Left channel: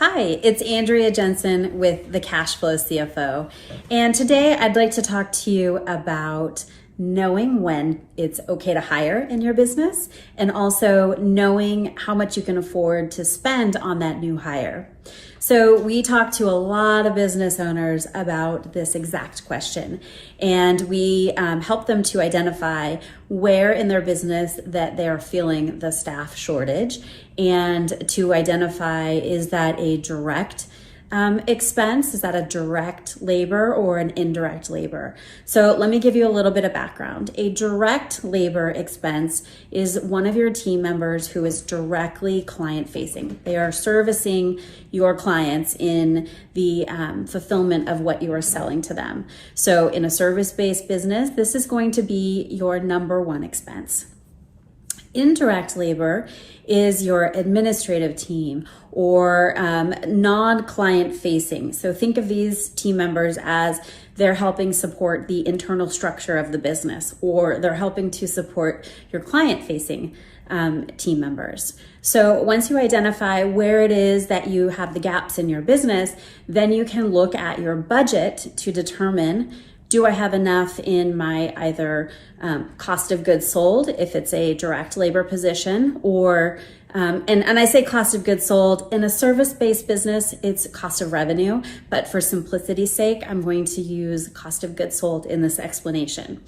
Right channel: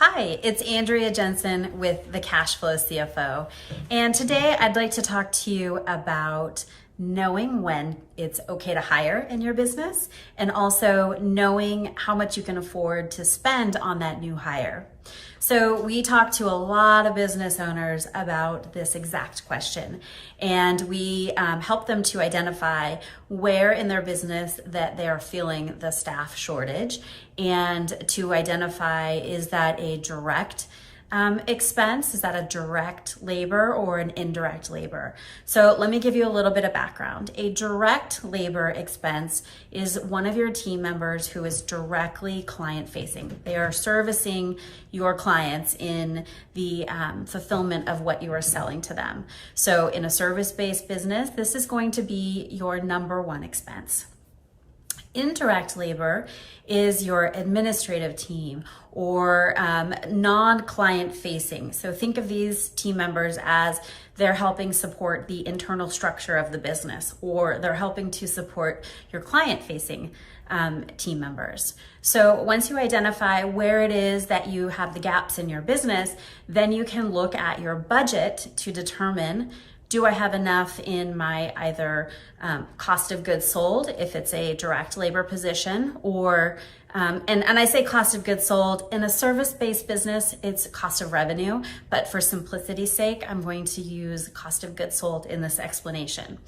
Hi, it's Andrea Jenson with the Cashflow CFO. And today I'd like to talk to you about knowing when it's okay to hire in your business and also knowing how much you can afford to spend on that new hire. So we talk to a lot of business owners about this exact question, and we help them to identify where in their business that they're feeling the staff shortage, and to identify, is that a direct expense? Is that a direct labor or an indirect labor? So let me give you a little bit of background. A direct labor expense is one of your team members who is directly client facing. They are servicing your clients in the fulfillment of what you are selling to them. So in a service-based business, this is going to be your number one expense. Indirect labor is your administrative team or non-client facing. So think of these team members as they're helping support the internal structure of the business, or they're helping to support your client facing team members. So once you identify where it is that you have the gaps in your business, then you can look at your budget to determine, do I have enough in my either cost of goods sold, if it's a direct labor position, or and I say cost of goods sold. In a service-based business, it's cost of revenue, but for simplicity's sake, I'm going to use cost of goods sold in this explanation.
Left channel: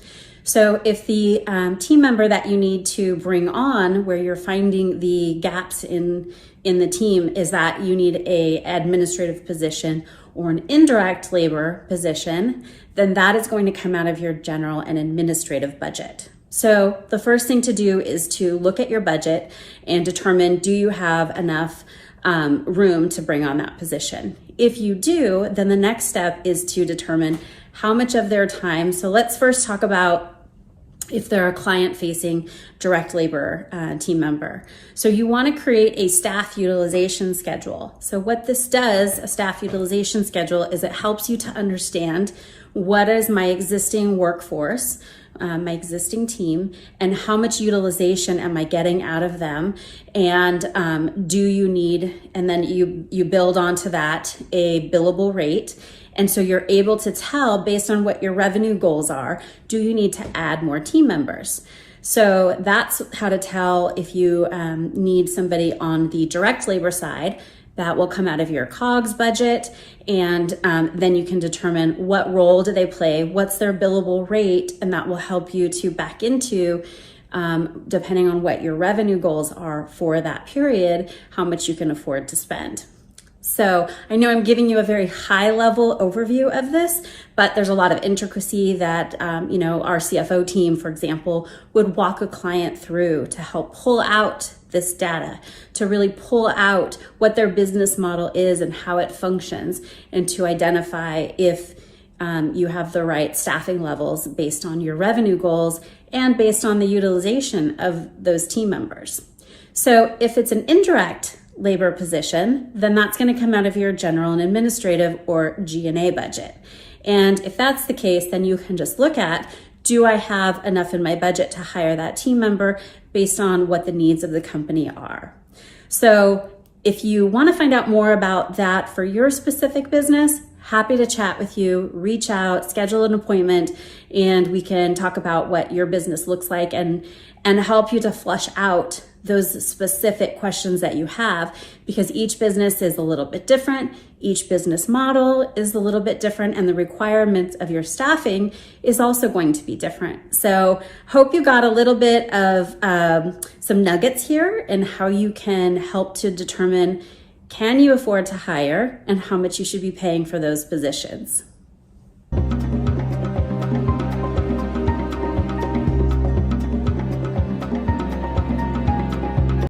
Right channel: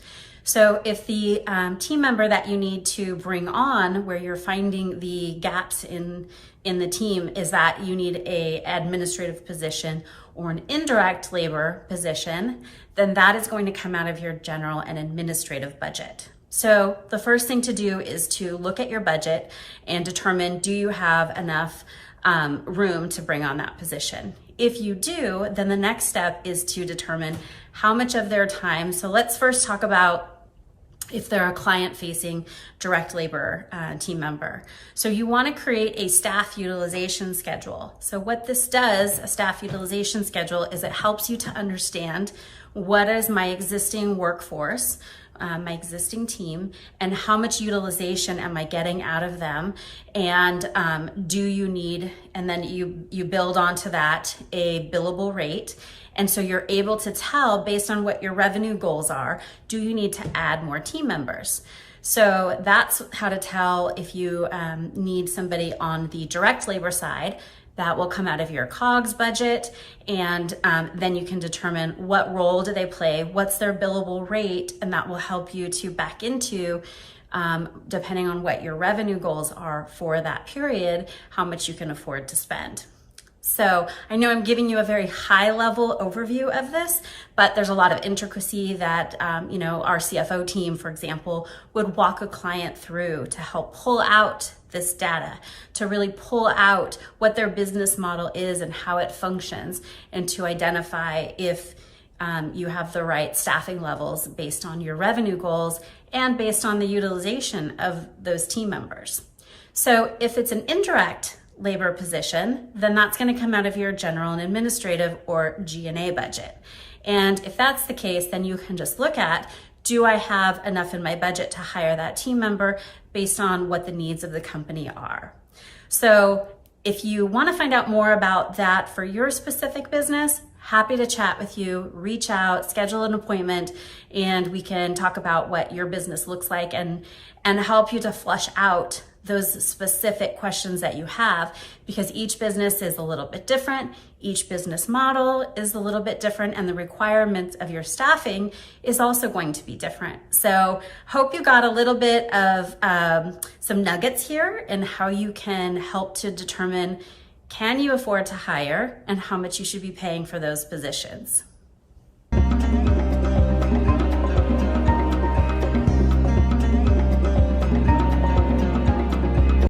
So if the team member that you need to bring on, where you're finding the gaps in the team, is that you need a administrative position or an indirect labor position, then that is going to come out of your general and administrative budget. So the first thing to do is to look at your budget and determine, do you have enough room to bring on that position? If you do, then the next step is to determine how much of their time. So let's first talk about if they're a client-facing direct labor team member. So you want to create a staff utilization schedule. So what this does, a staff utilization schedule, is it helps you to understand what is my existing workforce, my existing team, and how much utilization am I getting out of them, and do you need, and then you build onto that a billable rate. And so you're able to tell, based on what your revenue goals are, do you need to add more team members? So that's how to tell if you need somebody on the direct labor side. That will come out of your COGS budget. And then you can determine what role do they play, what's their billable rate, and that will help you to back into, depending on what your revenue goals are for that period, how much you can afford to spend. So I know I'm giving you a very high level overview of this, but there's a lot of intricacy that, our CFO team, for example, would walk a client through to help pull out this data, to really pull out what their business model is and how it functions, and to identify if you have the right staffing levels based on your revenue goals and based on the utilization of those team members. So if it's an indirect labor position, then that's going to come out of your general and administrative or G&A budget. And if that's the case, then you can just look at, do I have enough in my budget to hire that team member based on what the needs of the company are? So if you want to find out more about that for your specific business, happy to chat with you, reach out, schedule an appointment, and we can talk about what your business looks like and help you to flush out those specific questions that you have, because each business is a little bit different. Each business model is a little bit different, and the requirements of your staffing is also going to be different. So hope you got a little bit of some nuggets here in how you can help to determine, can you afford to hire and how much you should be paying for those positions.